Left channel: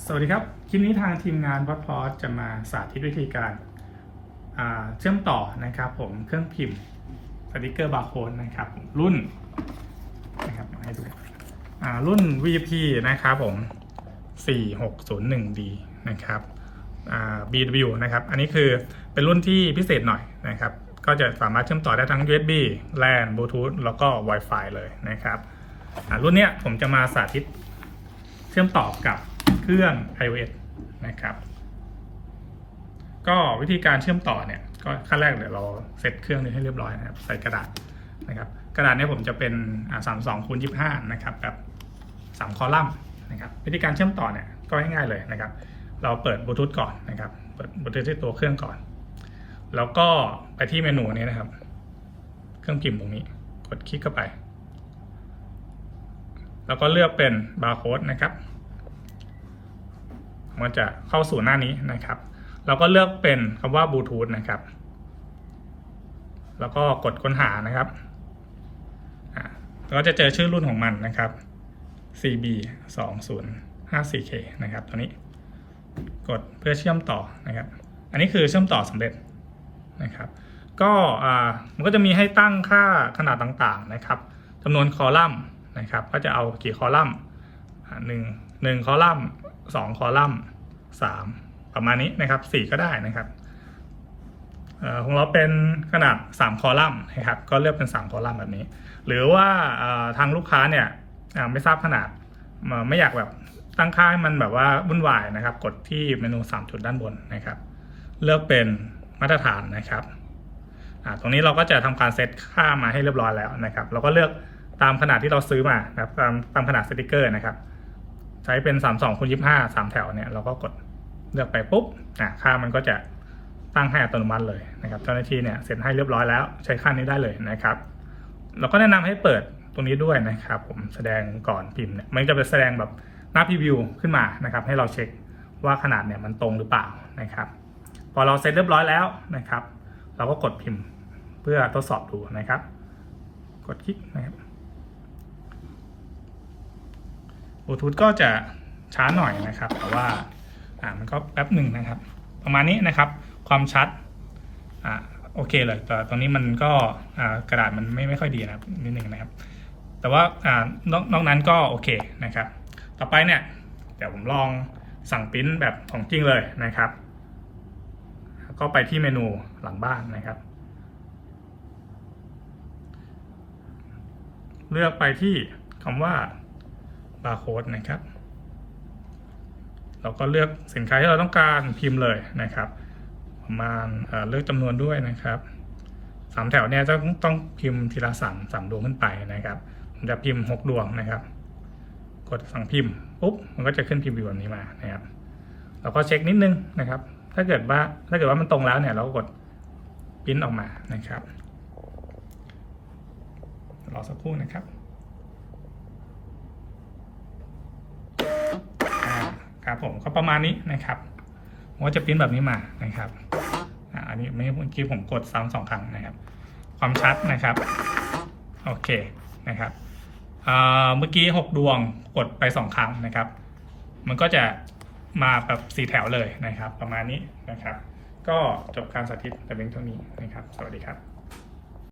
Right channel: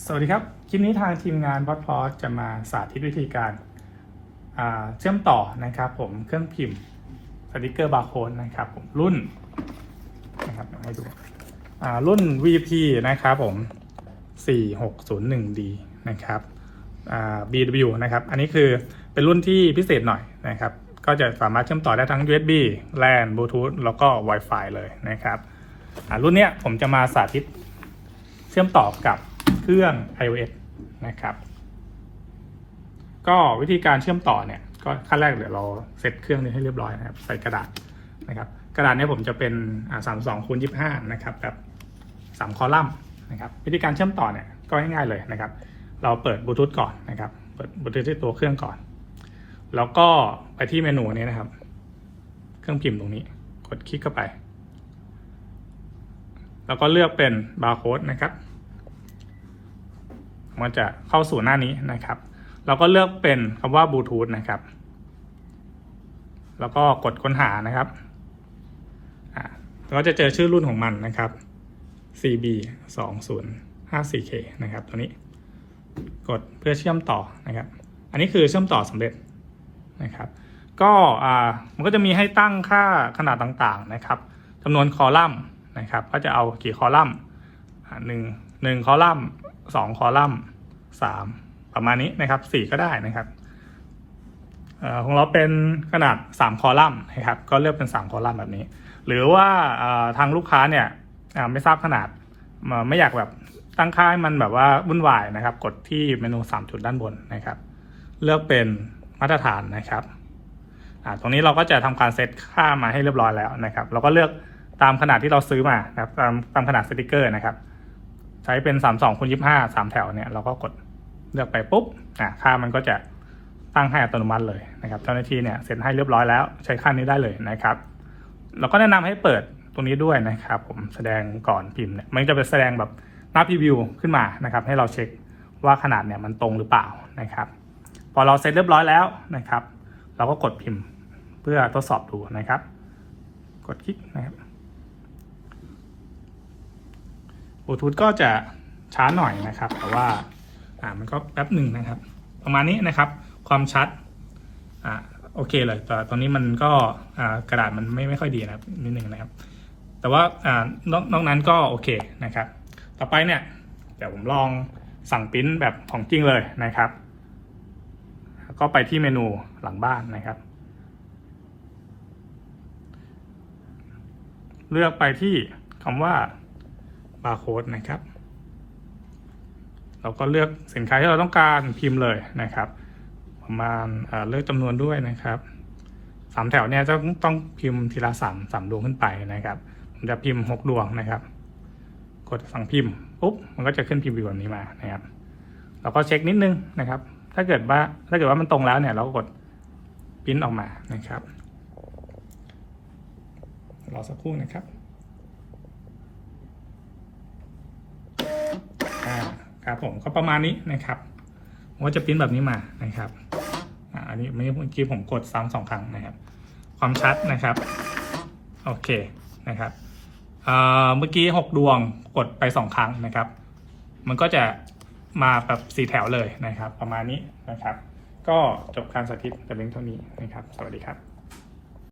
สวัสดีครับ คลิปนี้ทางทีมงานพอดพอจะมาสาธิตวิธีการาเชื่อมต่อนะครับผมเครื่องพิมพ์สติกเกอร์บาร์โค้ดนะครับผมรุ่นนะครับให้ดูรุ่น VP นะครับผม 4601D นะครับ BW นะครับ อันนี้คือเป็นรุ่นที่พิเศษหน่อยนะครับ ก็จะสามารถเชื่อมต่อได้ทั้ง USB LAN Bluetooth แล้วก็ Wi-Fi เลยนะครับรุ่นเนี้ยผมจะมาสาธิตเชื่อมต่อกับ เครื่อง iOS นะครับ ก็วิธีการเชื่อมต่อเนี่ย ก็ขั้นแรกเลยเราเซตเครื่องนี้ให้เรียบร้อยนะครับ ใส่กระดาษนะครับ กระดาษนี้ผมจะเป็นสามสองคูณยี่ห้านะครับแบบสามคอลัมน์นะครับ วิธีการเชื่อมต่อเนี่ยก็ง่ายๆเลยนะครับ เราเปิดบลูทูธก่อนนะครับ เปิดบลูทูธที่ตัวเครื่องก่อน แล้วก็ไปที่เมนูนี้นะครับ เครื่องพิมพ์ตรงนี้ กดคลิกเข้าไป แล้วก็เลือกเป็นบาร์โค้ดนะครับ มันจะเข้าสู่หน้านี้นะครับ เราก็เลือกเป็นคำว่าบลูทูธนะครับ แล้วก็กดค้นหานะครับเราจะเจอชื่อรุ่นของมันนะครับ CB 2 0 5 4 K นะครับตัวนี้ กดเพื่อเชื่อมต่อนะครับ อันนี้คือเชื่อมต่อสำเร็จนะครับ ก็มันก็จะมีให้ตั้งค่าขนาดต่างๆนะครับจำนวนคอลัมน์นะครับ ก็จะเอากี่คอลัมน์หนึ่งหนึ่งคอลัมน์ สองคอลัมน์สามประมาณนี้นะครับสี่ก็ได้นะครับของเราเป็นขนาดสามคอลัมน์นะครับ ก็เลือกเป็นสามคอลัมน์แบบนี้ หรือว่าทางลูกค้าเนี่ยไม่ทราบขนาดไม่อยากแบบตั้งค่าให้มันแบบว่าวุ่นวายนะครับ กดที่เมนูสามจุดด้านบนนะครับ เลือกเป็นมาตรฐานนะครับตรงนี้เราก็จะทำการเซตค่ามาให้เรียบร้อยแล้วนะครับ เราก็เลือกตามขนาดที่เราซื้อมานะครับตามตามขนาดสติกเกอร์นะครับ ใช้เป็น3 2คูณ25 3แถวเนี่ยเราก็กดเลือกไปปุ๊บอ่าค่ามันก็จะตั้งให้อัตโนมัติเลยนะครับเจ้าหน้าที่เนี่ยเซ็นให้เรียบร้อยแล้วใช้ค่านี้ได้เลยนะครับเราก็แนะนำให้เปิดตรงนี้ด้วยนะครับ ผมแสดงก่อนพิมพ์เนี่ยมันจะไปแสดงแบบหน้าพรีวิวขึ้นมานะครับ ให้เราเช็คว่าขนาดเนี่ยมันตรงหรือเปล่านะครับ พอเราเซ็ตเรียบร้อยแล้วนะครับ เราก็กดพิมพ์เพื่อทดสอบดูนะครับ กดคลิกนะครับบ ลูทูธก็จะช้าหน่อยนะครับแต่ว่าอ่ามันก็แป๊บหนึ่งนะครับ ประมาณนี้นะครับ ความชัดอ่าโอเคเลยแต่ตรงนี้มันก็อ่ากระดาษมันไม่ไม่ค่อยดีนะครับนิดหนึ่งนะครับ แต่ว่าอ่านอกนอกนั้นก็โอเคนะครับ ต่อไปเนี่ยเดี๋ยวผมลองสั่งปริ้นแบบของจริงเลยนะครับ ก็ไปที่เมนูหลังบ้านนะครับ เลือกไปที่คำว่า บาร์โค้ดนะครับ เราก็เลือกสินค้าที่เราต้องการพิมพ์เลยนะครับ ประมาณเอ่อเลือกจำนวนด้วยนะครับสามแถวเนี่ยต้องต้องพิมพ์ทีละสามสามดวงขึ้นไปนะครับผมจะพิมพ์หกดวงนะครับ กดสั่งพิมพ์ปุ๊บมันก็จะขึ้นพิมพ์แบบนี้มานะครับเราก็เช็คนิดนึงนะครับ ถ้าเกิดว่าถ้าเกิดว่ามันตรงแล้วเนี่ยเราก็กดปริ้นออกมานะครับรอสักครู่นะครับอ่า ครับผมก็ประมาณนี้นะครับผมก็จะปริ้นแบบนี้มานะครับอันนี้เมื่อกี้ผมกดซ้ำสองครั้งนะครับ ความชัดนะครับโอเคนะครับเมื่อกี้หกดวงกดไปสองครั้งนะครับ มันก็จะมาแบบสี่แถวเลยนะครับ ประมาณนี้นะครับ ก็จบการสาธิตแต่เพียงเท่านี้นะครับ สวัสดีครับ